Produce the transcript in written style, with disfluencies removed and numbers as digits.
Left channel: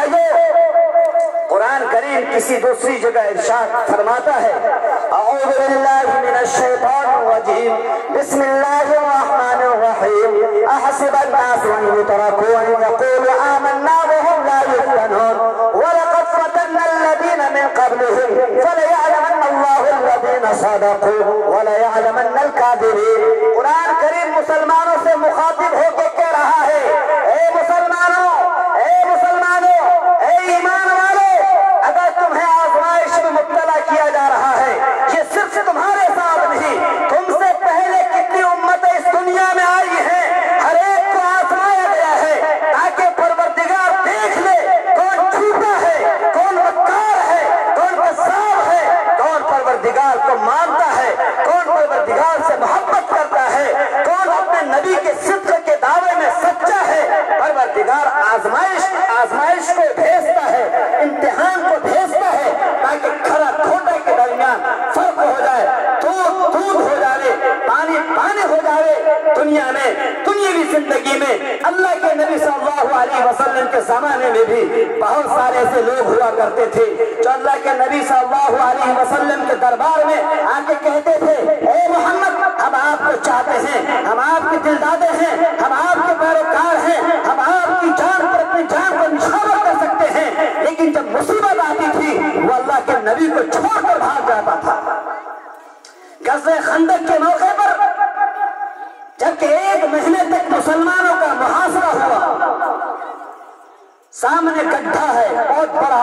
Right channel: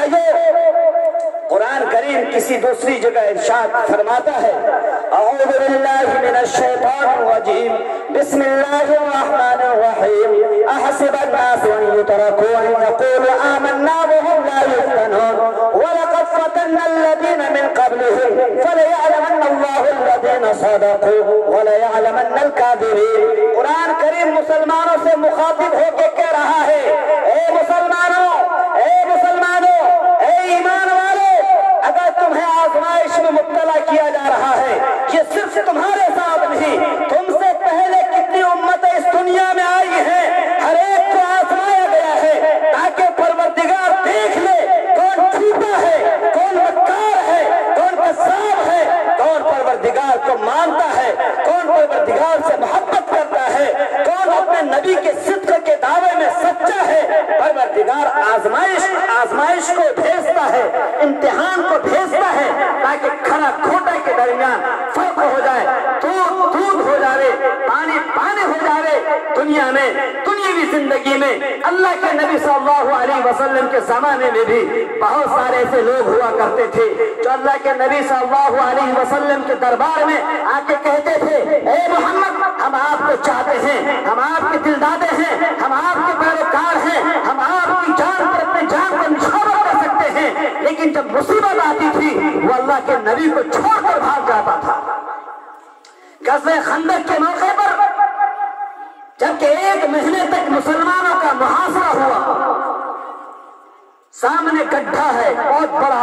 भाइयों कुरान करीम किसी दूसरी जगह इरशाद फरमाता है अऊज़ु बिल्लाहि मिनश शैतानिर रजीम बिस्मिल्लाहिर रहमानिर रहीम अहसिबन नासु अन युतरकू अन यक़ूलू आमन्ना वहुम ला युफ्तनून वलक़द फ़तन्ना अल्लज़ीना मिन क़ब्लिहिम फ़लयअलमन्ना अल्लाहु अल्लज़ीना सदक़ू वलयअलमन्नल काज़िबीन। कुरान करीम मुसलमानों से मुखातिब होकर कह रहा है, ए मुसलमानों, ईमान वाले, अगर तुम्हें आजमाइश में मुब्तला किया जा रहा है, ये सिर्फ तुम्हारे साथ नहीं, तुमसे पहले कितनी उम्मतें इस दुनिया में आई हैं, हर एक को आजमाया गया है ताकि परवरदिगार देख ले कौन झूठा है, कौन मक्कार है, कौन कज़्ज़ाब है, कौन परवरदिगार को मानता है, कौन परवरदिगार से मोहब्बत करता है, कौन अपने नबी के सिद्क़ के दावे में सच्चा है। परवरदिगार आजमाइश को भेजता है, इम्तिहान को भेजता है ताकि खरा खोटा के दरमियान फर्क हो जाए, दूध हो जाए, पानी हो जाए। दुनिया में दुनियावी जिंदगी में अल्लाह के नबी सल्लल्लाहु अलैहि वसल्लम के जमाने में भी बहुत सारे ऐसे लोग हुआ करते थे जो अल्लाह के नबी सल्लल्लाहु अलैहि वसल्लम के दरबार में आके कहते थे, ए मोहम्मद, हम आपको चाहते हैं, हम आपके दिलदादे हैं, हम आपके पैरोकार हैं, हम आपकी जान पर अपनी जान को निछावर कर सकते हैं। लेकिन जब मुसीबत आती थी वो अल्लाह के नबी को छोड़कर भाग जाता था। ग़ज़वे खंदक के मौके पर जबकि 1 महीने तक मुसलमानों का मुहासरा हुआ, सामने गड्ढा है बहुत बड़ा।